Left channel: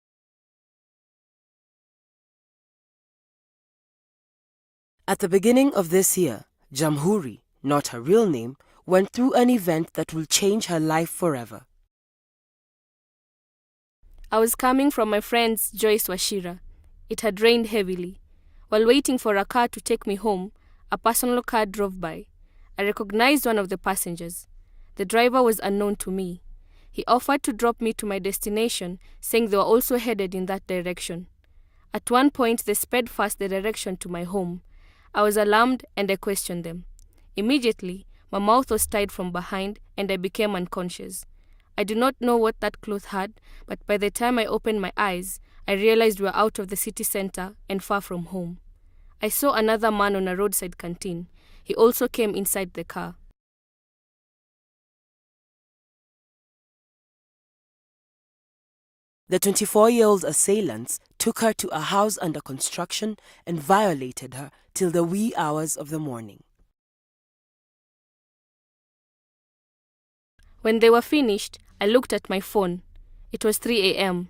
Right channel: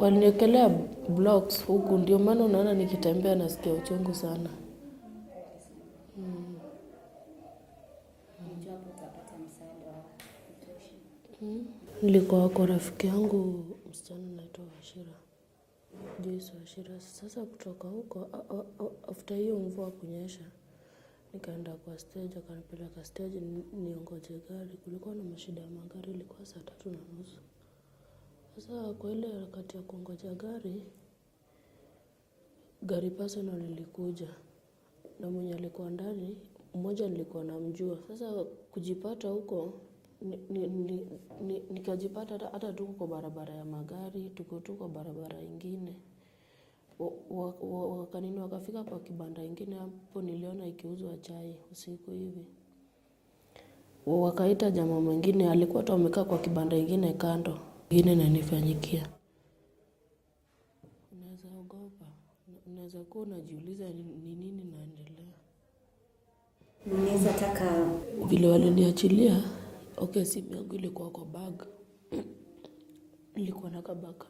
Waliniekelea blocks huku, ndio maana unaona nikitembea nasikia uchungu sana. At the beginning of this year, Jamhuri, not her real name, went through an event that will change her life forever. Nilikuwa kwa rafiki yangu. I was coming from my friend's Joyce Washira. It had rained heavily. While waiting for a car to take me home, a personal car drove by. I recognized one of the passengers. The driver was unknown to me. He offered to drop me to my destination, saying they were also headed in that direction. At one point, they sped fast the direction to my home. I was alarmed and I questioned them. Immediately, my mouth was tied from behind and I became unconscious. I do not know what that cloth had, but by the time I opened my eyes, I realized we were out of the city center and far from home. I saw another man on a roadside canteen. He also came inside the car. Wakaita jamaa mwingine, alikuwa tu amekaa kwa kibanda ingine kando. Ingine inanifanyikia. The 24-year-old assailants took her to a house under construction and violated her till the wee hours of the morning. Vile waliniachilia, When they were finished, I looked at my phone. It was 3 a.m.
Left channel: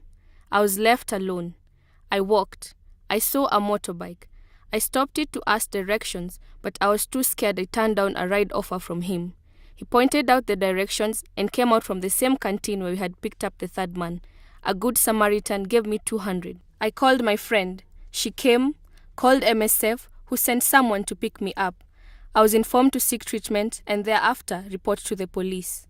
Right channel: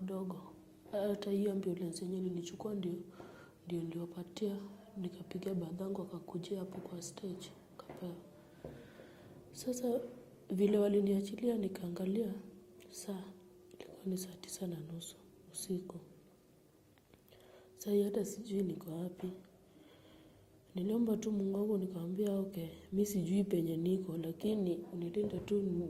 I was left alone. I walked. I saw a motorbike. I stopped it to ask directions, but I was too scared I turned down a ride offer from him. He pointed out the directions and came out from the same canteen where we had picked up the third man. A good Samaritan gave me 200. I called my friend. She came, called MSF, who sent someone to pick me up. I was informed to seek treatment and thereafter report to the police.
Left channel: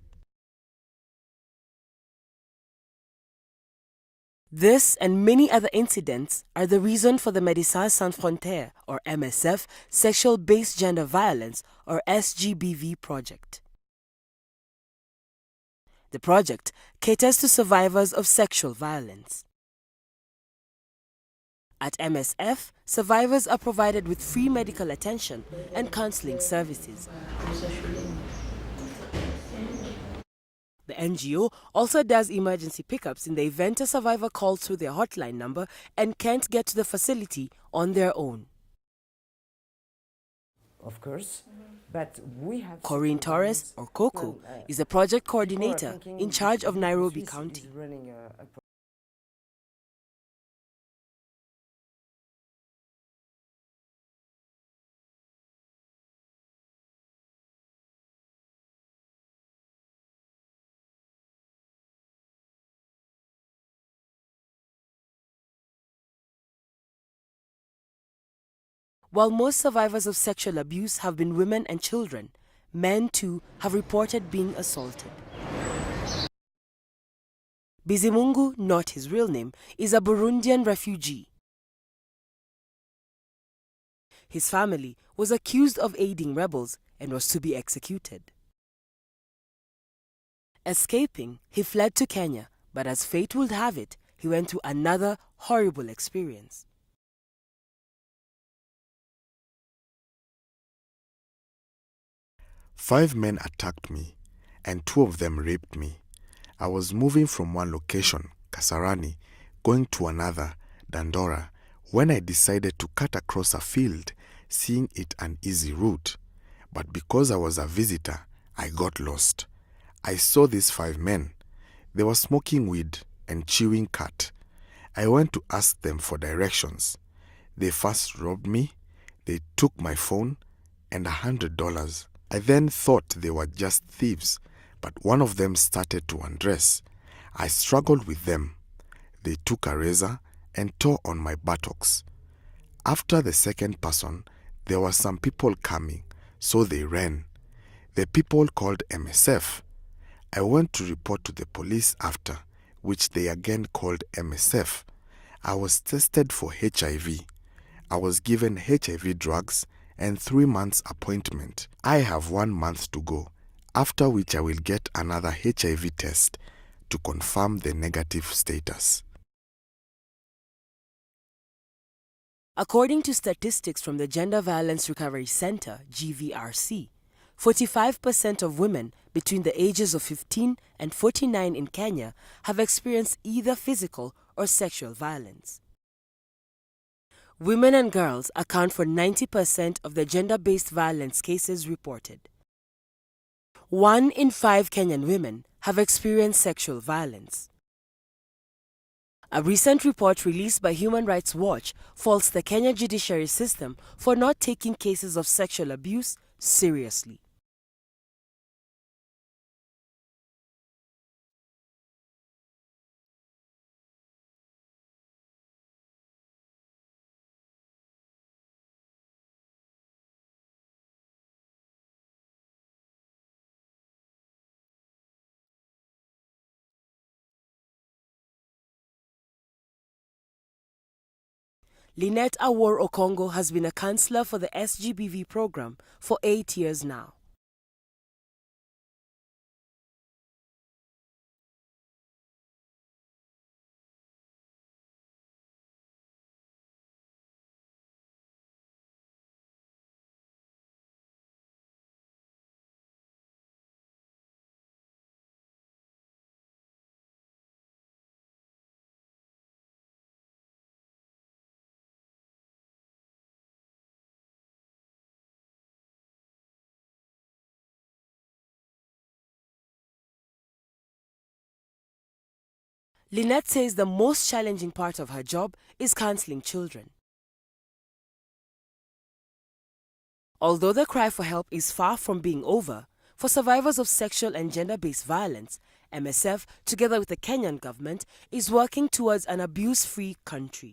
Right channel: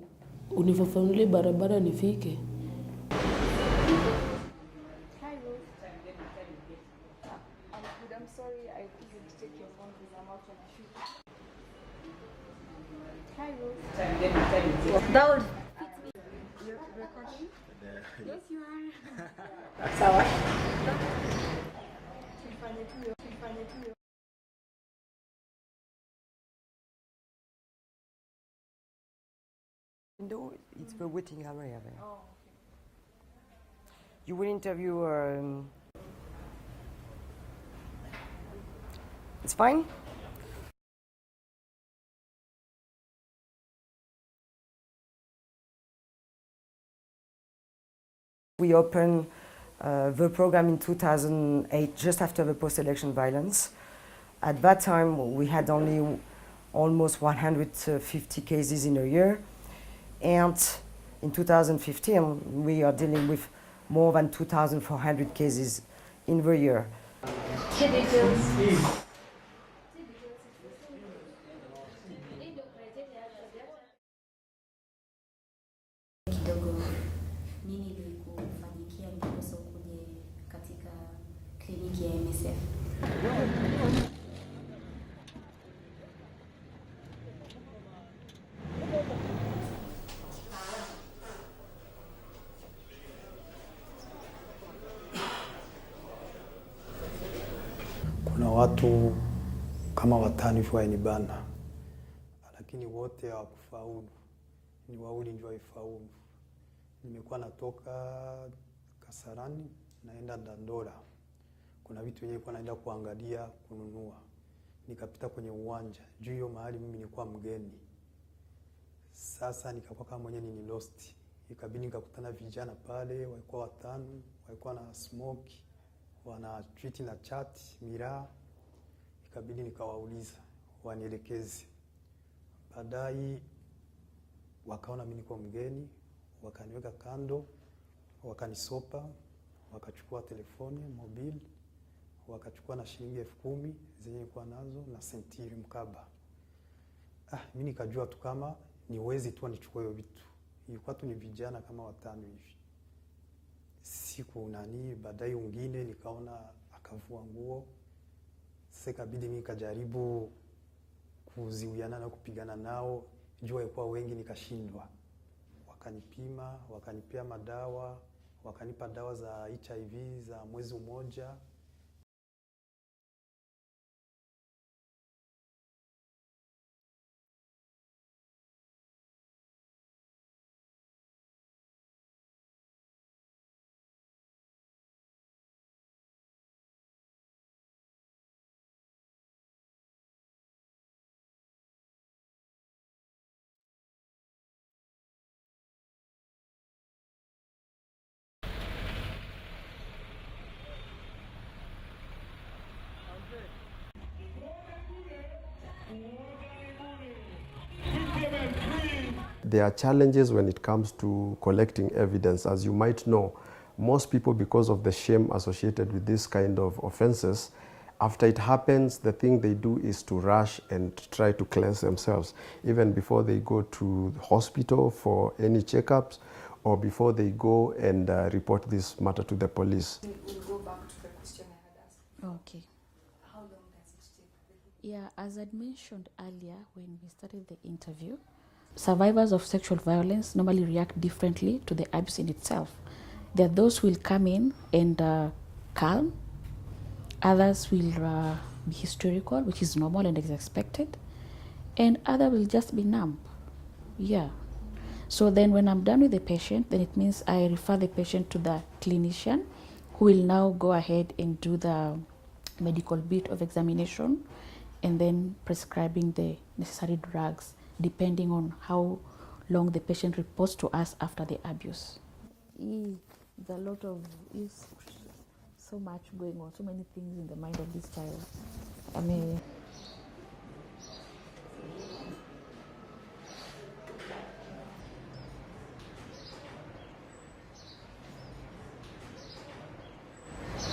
This and many other incidents are the reason for the Médecins Sans Frontières, or MSF, Sexual-Based Gender Violence, or SGBV project. The project caters to survivors of sexual violence. At MSF, survivors are provided with free medical attention and counseling services. The NGO also does emergency pickups in the event a survivor calls through their hotline number and can't get to the facility on their own. It's fine, of course, but we have... Corinne Torres, or Coco, is the project coordinator in charge of Nairobi County. We opened the program in 2008, just after the post-election violence. At that time, we had only almost 150 cases in a year. And in 2015, we are dealing with more than 2,400 cases in the year. While most survivors of sexual abuse have been women and children, men too have reported being assaulted. Bizimungu, not his real name, is a Burundian refugee. His family was accused of aiding rebels and was to be executed. Escaping, he fled to Kenya, but as fate would have it, he went through another horrible experience. 5 men attacked me, and 2 of them raped me. I was moving from one location, Kasarani, going to another, Dandora, when I decided to cut across a field, seeing it an easy route. But because I was a visitor, I got lost. I saw these 5 men. They were smoking weed and chewing cat. I went to ask them for directions. They first robbed me, they took my phone and $100. I then thought they were just thieves, but one of them started to undress. I struggled with them. They took a razor and tore on my buttocks. After the second person, there were some people coming, so they ran. The people called MSF. I went to report to the police after, which they again called MSF. I was tested for HIV. I was given HIV drugs and 3 months appointment. I have 1 month to go, after which I will get another HIV test to confirm the negative status. According to statistics from the Gender Violence Recovery Center, GVRC, 45% of women between the ages of 15 and 49 in Kenya have experienced either physical or sexual violence. Women and girls account for 90% of the gender-based violence cases reported. 1 in 5 Kenyan women have experienced sexual violence. A recent report released by Human Rights Watch faults the Kenya judiciary system for not taking cases of sexual abuse seriously. There are challenges when it comes to collecting evidence. As you might know, most people, because of the shame associated with this kind of offenses, after it happens, the thing they do is to rush and try to cleanse themselves, even before they go to the hospital for any checkups or before they go and report this matter to the police. Lynette Awor Okongo has been a counselor for the SGBV program for 8 years now. Survivors of sexual violence normally react differently to the abuse in itself. There are those who will come in and calm. Others will be hysterical, which is normal and is expected. And others will just be numb. Yeah. So then when I'm done with the patient, then it means I refer the patient to the clinician who will now go ahead and do the medical bit of examination and then prescribing the necessary drugs depending on how long the patient reports to us after the abuse. Lynette says the most challenging part of her job is counseling children. Although the cry for help is far from being over, for survivors of sexual and gender-based violence, MSF, together with the Kenyan government, is working towards an abuse-free country.